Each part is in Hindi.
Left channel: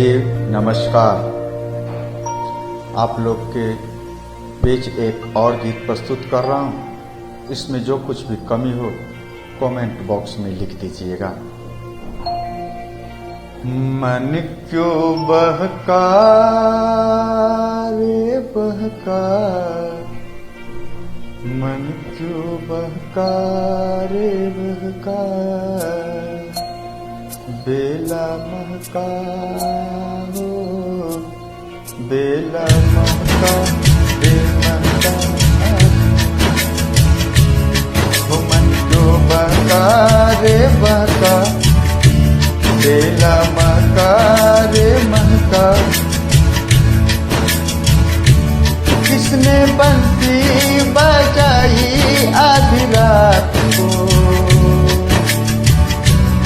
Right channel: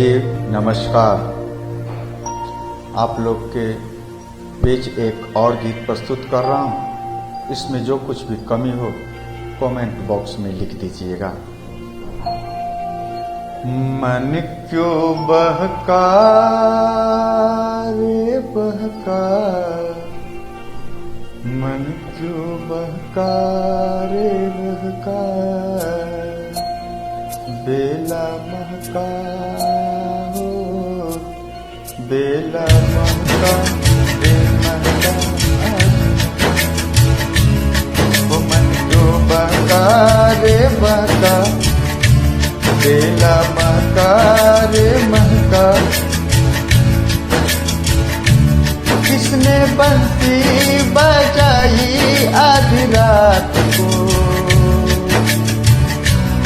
जी नमस्कार। आप लोग के बीच एक और गीत प्रस्तुत कर रहा हूँ। इसमें जो कुछ भी कमी हो कमेंट बॉक्स में लिख दीजिएगा। मन क्यों बहका रे बहका, मन क्यों बहका रे बहका, बेला महका हो बेला महका रे महका हो, मन क्यों बहका रे बहका, बेला महका रे महका। किसने बंसी बजाई आधी रात को,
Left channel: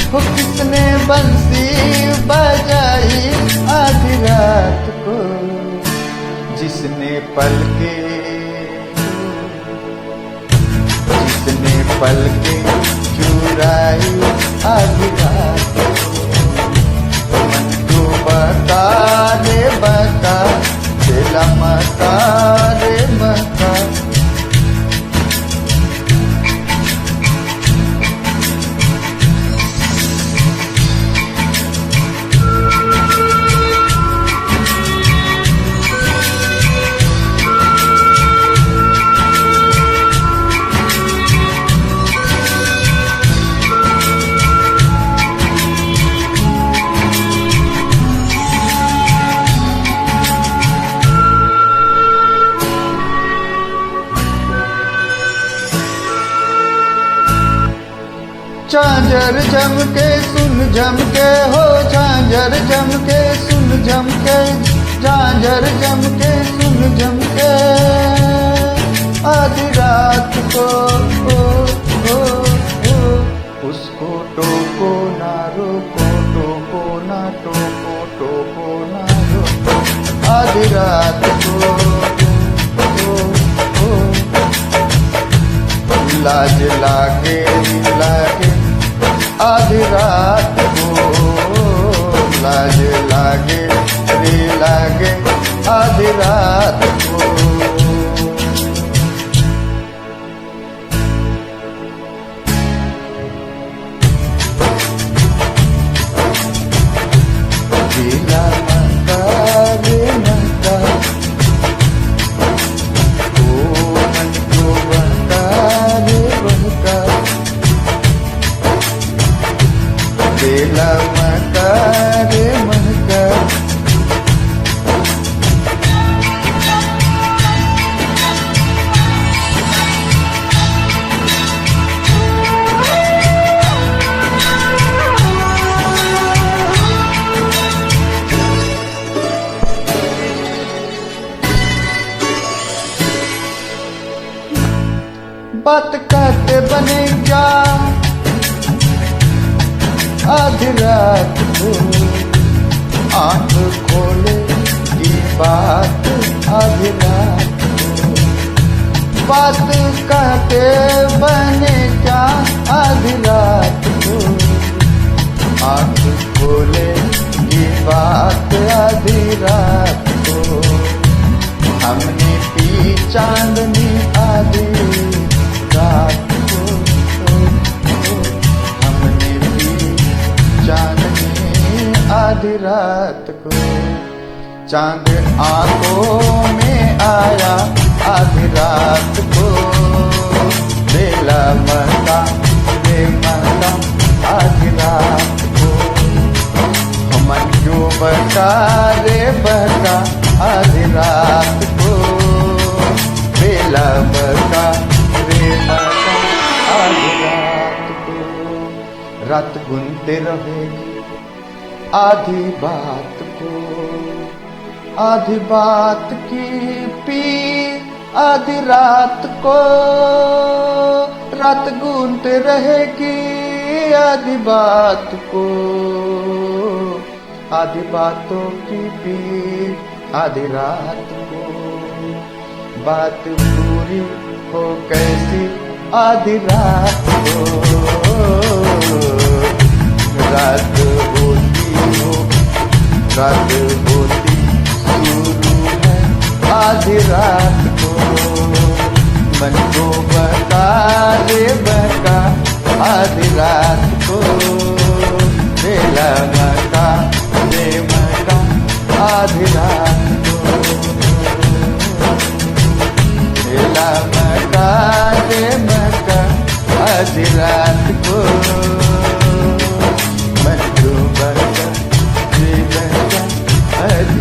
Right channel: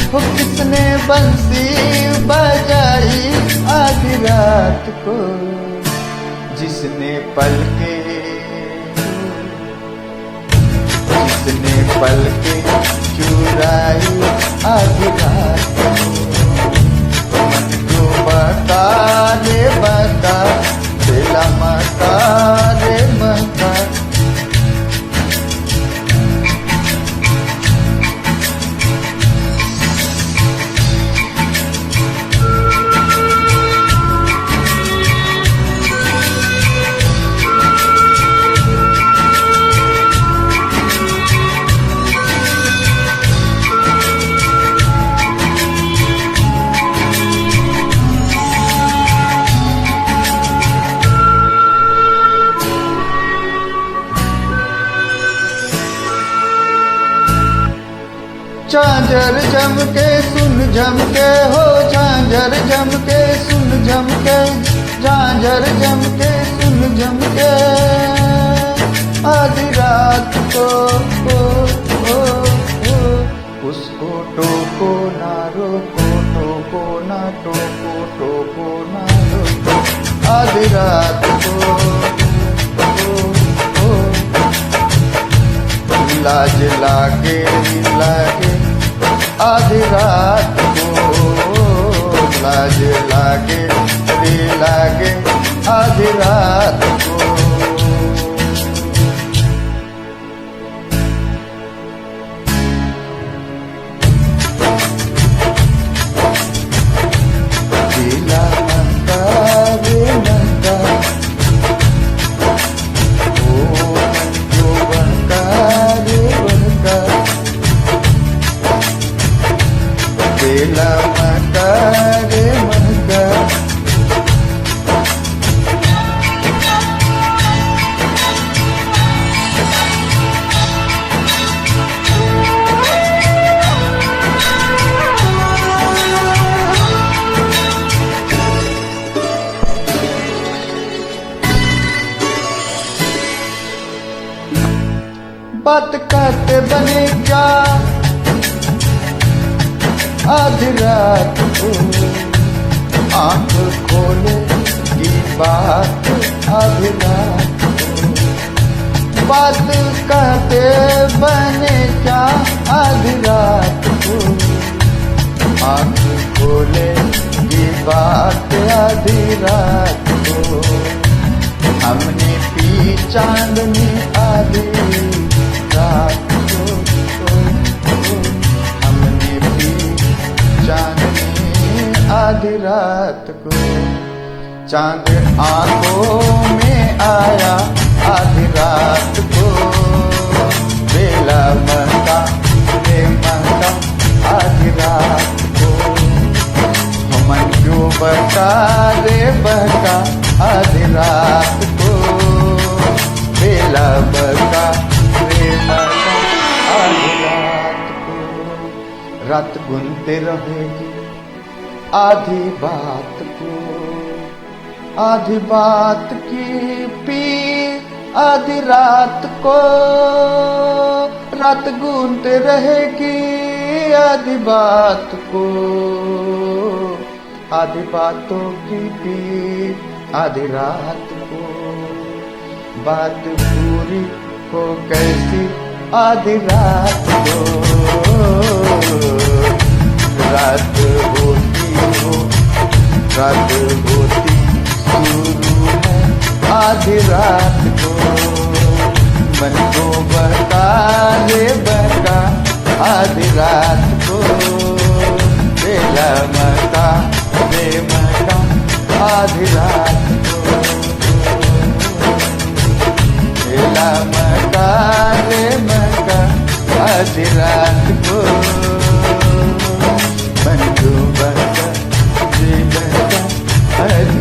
हो किसने बंसी बजाई आधी रात को, जिसने पलके जिसने पलके चुराई आधी रात को। मन को बता रे बता, बेला महका रे महका। झांझर जम के सुन झम के हो, झांझर जम के सुन झम के, झांझर जम के सुन झम के, आधी रात को उसको टोको ना रोको, टोको ना टोको, टोको ना रोको, आधी रात को लाज लागे लागे आधी रात को, लाज लागे रे लागे आधी रात को। बेला महका रे महका, बेला महका रे महका। बात कहते बने क्या आधी रात को, आंख खोले की बात आधी रात को। बात कहते बने क्या आधी रात को, आंख खोले की बात आधी रात को। हमने पी चांदनी आधी रात को, हमने पी चांदनी आधी रात को। चांद आंखों में आया आधी रात को, बेला महका रे महका आधी रात को। मन क्यों बहका रे बहका आधी रात को, बेला महका रे महका आधी रात को। रात गुनते रहेगी आधी बात को, आधी बात की पी आधी रात को। रात गुनते रहेगी आधी बात को, आधी बातों की पी आधी रात को। बात पूरी हो कैसी आधी रात को, रात होती हो रात होती शुरू है आधी रात को, मन को बहका रे बहका आधी रात को, बेला मका बेमका आधी रात को, बेला मका रे मका आधी रात को, मन को बहका रे बहका आधी